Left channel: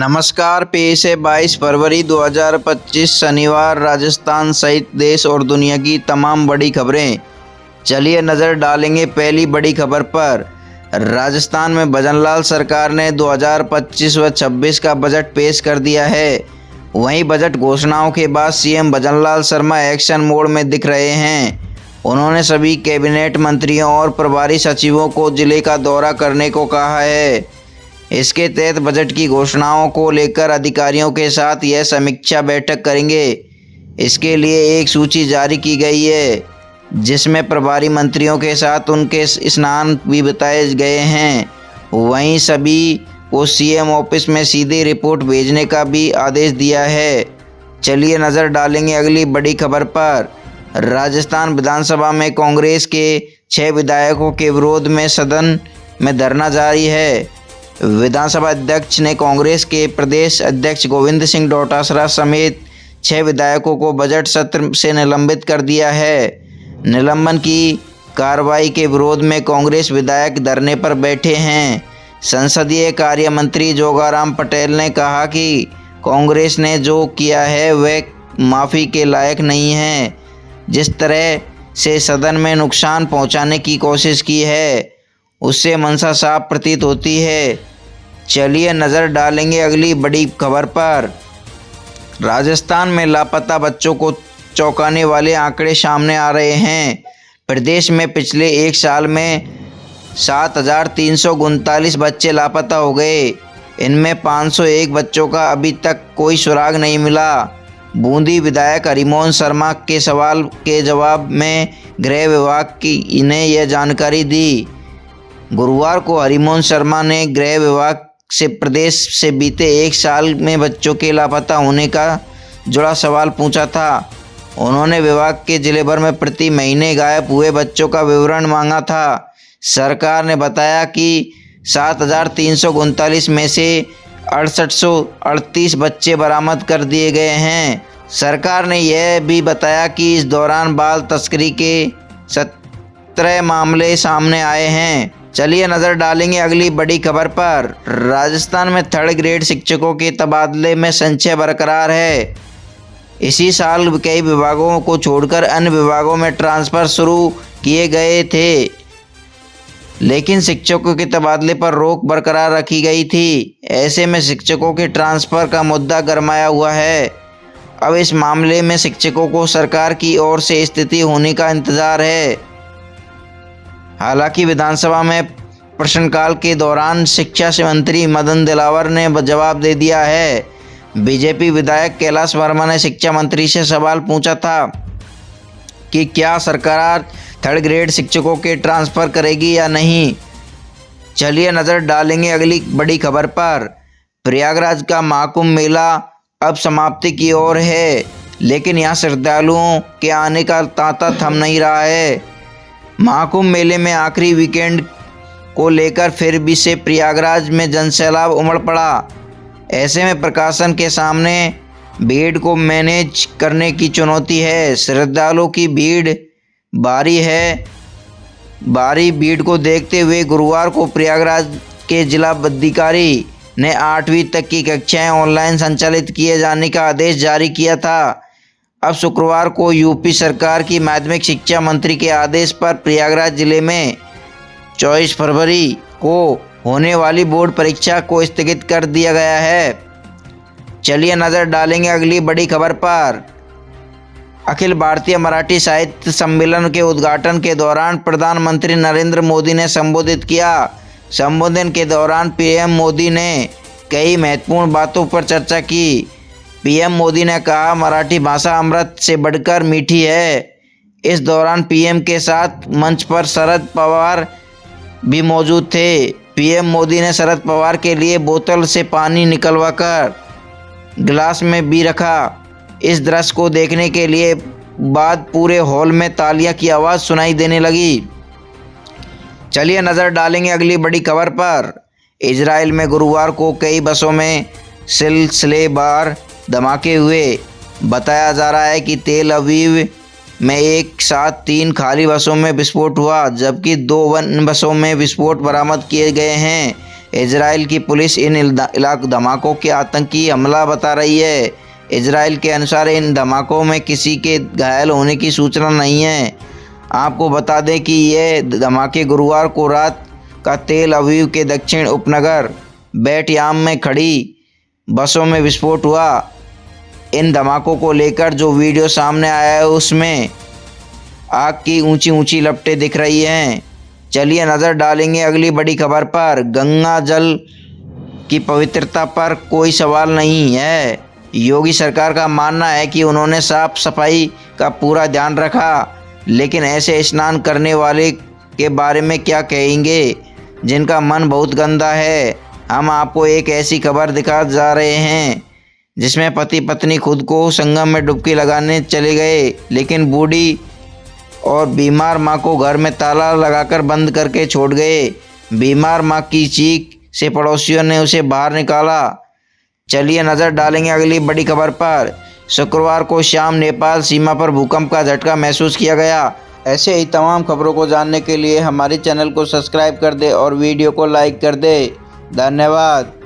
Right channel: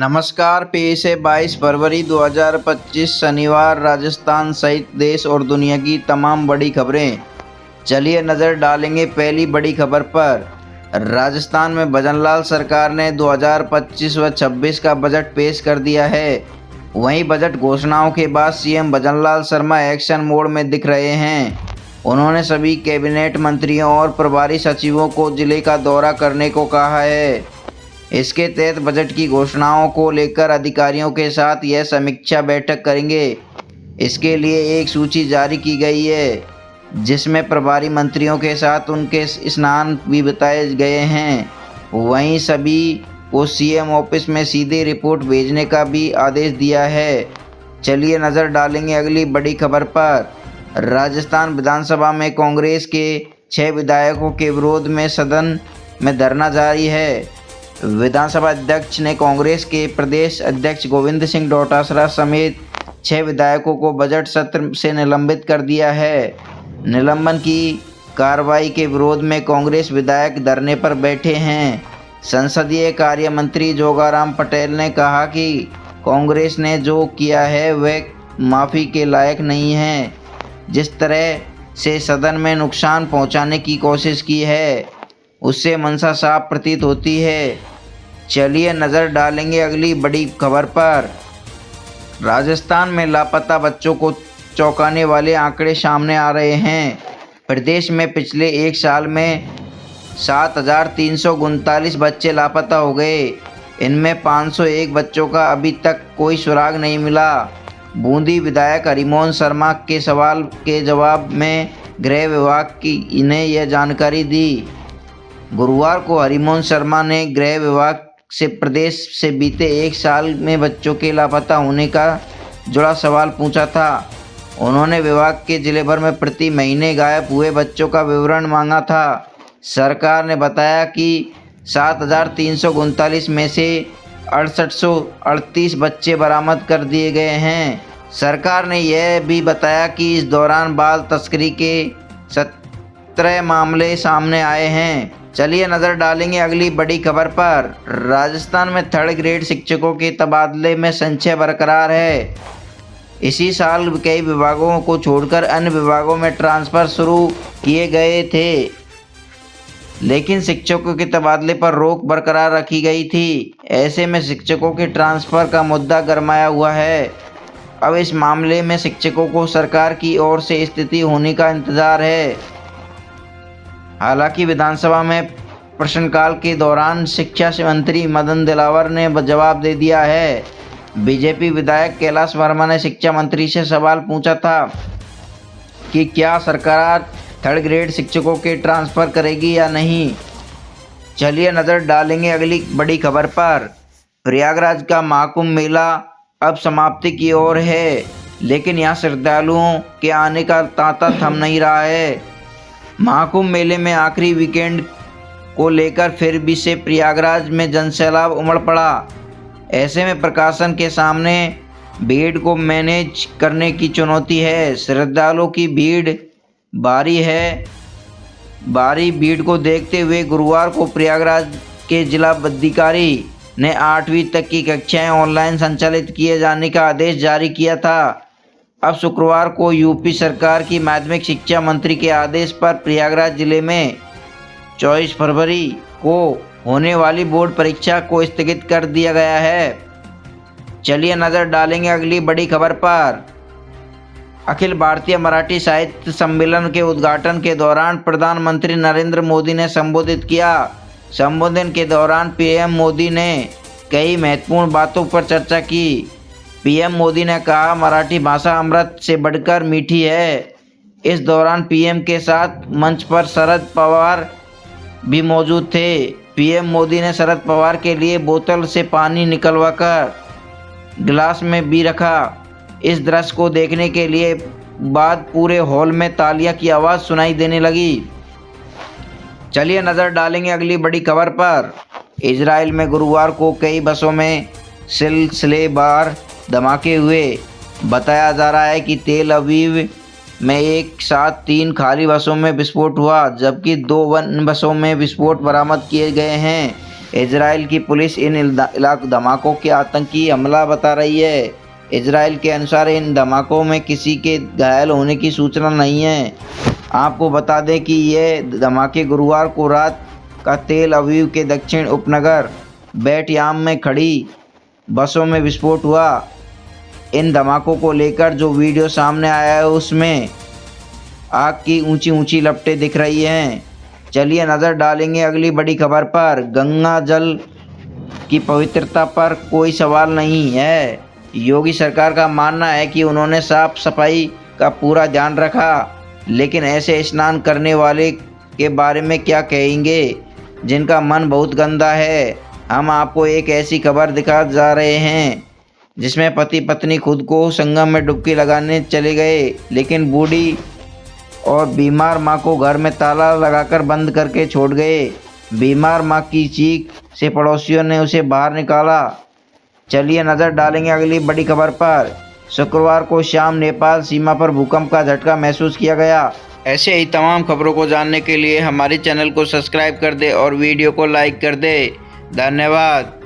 नमस्कार। पेश है 22 फरवरी 2025 शनिवार। राजस्थान सहित देश और दुनिया की तमाम बड़ी खबरें। चलिए नज़र डालेंगे पहली बड़ी खबर पर। राजस्थान में भजनलाल सरकार ने 2025 व 26 का बजट पेश कर दिया है। वहीं बजट घोषणाओं के बाद CM Bhajanlal Sharma action mode में दिख रहे हैं। उन्होंने सभी कैबिनेट मंत्रियों और प्रभारी सचिवों को जिले का दौरा करने को कहा है। इसके तहत बजट की घोषणाओं को लेकर अधिकारियों के साथ यह समीक्षा बैठक करेंगे। इसके लिए एक सूची जारी की गई है, जिसमें प्रभारी मंत्रियों के साथ उनके स्नान भी बताए गए हैं। वहीं सभी को सीएम ऑफिस में सीधे रिपोर्ट भेजने का भी आदेश दिया है। चलिए नज़र डालेंगे अगली बड़ी खबर पर। राजस्थान विधानसभा में कांग्रेस के 6 विधायकों के विरोध में सदन में धरना जारी है। विधानसभा अध्यक्ष ने कांग्रेस के प्रदेश अध्यक्ष गोविंद सिंह डोटासरा समेत 6 विधायकों को बजट सत्र से निलंबित कर दिया है। निलंबन की कार्रवाई के विरोध में कांग्रेस विधायक धरने पर बैठे हैं। संसदीय कार्य मंत्री जोगाराम पटेल ने कहा कि कांग्रेस ने जो किया है वह माफ़ी के लायक नहीं है। जिस तरह से सदन में नुकसान पहुंचाने की कोशिश की है, उससे मंशा साफ प्रतीत होती है। चलिए नज़र डालेंगे अगली बड़ी खबर पर। राजस्थान में लापता बच्चों को चौंकाने वाले आंकड़े सामने आ रहे हैं। प्रदेश में पिछले एक साल में 7,339 बच्चे लापता हो गए। इनमें 501 बच्चों का अभी तक कोई सुराग नहीं मिला। बूंदी विधायक हरिमोहन शर्मा के सवाल के जवाब में गृह विभाग की ने यह जानकारी दी। गुरुवार को हरिमोहन शर्मा ने गृह विभाग से प्रदेश से बीते एक साल में बच्चों के लापता होने का जुड़ा सवाल पूछा था। उन्होंने विभाग के जिले भर में प्रति महीने गायब हुए बच्चों का विवरण मांगा था। सरकार ने बताया कि 7,339 में से 6838 बच्चे बरामद कर दिए गए हैं। सरकार ने यह भी बताया कि इस दौरान बाल तस्करी के 17 मामले सामने आए हैं। चलिए नज़र डालेंगे अगली बड़ी खबर पर। राजस्थान में 3rd ग्रेड शिक्षकों के तबादले में संशय बरकरार है। इसी साल कई विभागों को छोड़कर अन्य विभागों में ट्रांसफ़र शुरू किए गए थे, लेकिन शिक्षकों के तबादले पर रोक बरकरार रखी गई थी। ऐसे में शिक्षकों के ट्रांसफ़र का मुद्दा गरमाया हुआ है। अब इस मामले में शिक्षकों को सरकार की ओर से स्थिति होने का इंतज़ार है। हालांकि विधानसभा में प्रश्नकाल के दौरान शिक्षा मंत्री मदन दिलावर ने जवाब दे दिया है। बीजेपी विधायक कैलाश वर्मा ने शिक्षा मंत्री से सवाल पूछा था कि क्या सरकार 3rd ग्रेड शिक्षकों के ट्रांसफ़र करेगी या नहीं। चलिए नज़र डालेंगे अगली बड़ी खबर पर। प्रयागराज का महाकुंभ मेला अब समाप्ति की ओर है, लेकिन यहाँ श्रद्धालुओं के आने का तांता थम नहीं रहा है। महाकुंभ मेले में आखिरी वीकेंड को लेकर फिर भी से प्रयागराज में जनसैलाब उमड़ पड़ा। ऐसे में प्रशासन के सामने भीड़ को मैनेज करने की चुनौती है। श्रद्धालुओं की भारी भीड़ को देखते हुए गुरुवार को प्रयागराज के जिला अधिकारी ने 8वीं तक की कक्षाएं ऑनलाइन संचालित किए जाने का आदेश जारी किया था। अब शुक्रवार को यूपी सरकार की माध्यमिक शिक्षा मंत्री के आदेश पर प्रयागराज जिले में 24 फरवरी को होने वाली बोर्ड परीक्षा को स्थगित कर दिया गया है। चलिए नज़र डालेंगे अगली बड़ी खबर पर। अखिल भारतीय मराठी साहित्य सम्मेलन के उद्घाटन के दौरान प्रधानमंत्री नरेंद्र मोदी ने संबोधित किया। संबोधन के दौरान पीएम मोदी ने कई महत्वपूर्ण बातों पर चर्चा की। पीएम मोदी ने कहा, मराठी भाषा अमृत से बढ़कर मीठी है। इस दौरान पीएम के साथ मंच पर शरद पवार भी मौजूद थे। पीएम मोदी ने शरद पवार के लिए बोतल से पानी निकलवाकर गिलास में भी रखा। इस दृश्य को देखने के लिए बाद पूरे हॉल में तालियां की आवाज़ सुनाई देने लगी। चलिए नज़र डालेंगे अगली बड़ी खबर पर। इजराइल में गुरुवार को कई बसों में सिलसिलेवार धमाके हुए। बताया जा रहा है कि तेल अवीव में एक साथ 3 खाली बसों में विस्फोट हुआ, जबकि 2 अन्य बसों में विस्फोट बरामद किए गए हैं। इजराइल की पुलिस इन इलाक़ धमाकों के आतंकी हमला बता रही है। इजराइल के अनुसार इन धमाकों में किसी के घायल होने की सूचना नहीं है। आपको बता दें कि ये धमाके गुरुवार को रात का तेल अवीव के दक्षिण उपनगर बेट याम में खड़ी बसों में विस्फोट हुआ। इन धमाकों को लेकर जो वीडियो सामने आया है उसमें आग की ऊंची ऊंची लपटें दिख रही हैं। चलिए नज़र डालेंगे अगली बड़ी खबर पर। गंगा जल की पवित्रता पर कोई सवाल नहीं है। योगी सरकार का मानना है कि उन्होंने साफ सफाई का पूरा ध्यान रखा, लेकिन ऐसे स्नान करने वाले के बारे में क्या कहेंगे जिनका मन बहुत गंदा है। हम आपको एक ऐसी खबर दिखा जा रहे हैं जिसमें पति पत्नी खुद को संगम में डुबकी लगाने चले गए, लेकिन बूढ़ी और बीमार मां को घर में ताला लगाकर बंद करके छोड़ गए। बीमार मां की चीख से पड़ोसियों ने उसे बाहर निकाला। चलिए नज़र डालेंगे अगली बड़ी खबर पर। शुक्रवार को शाम नेपाल सीमा पर भूकंप का झटका महसूस किया गया। ऐसे ही तमाम खबरों को जानने के लिए हमारे चैनल को सब्सक्राइब कर दे और वीडियो को लाइक कर दे। धन्यवाद।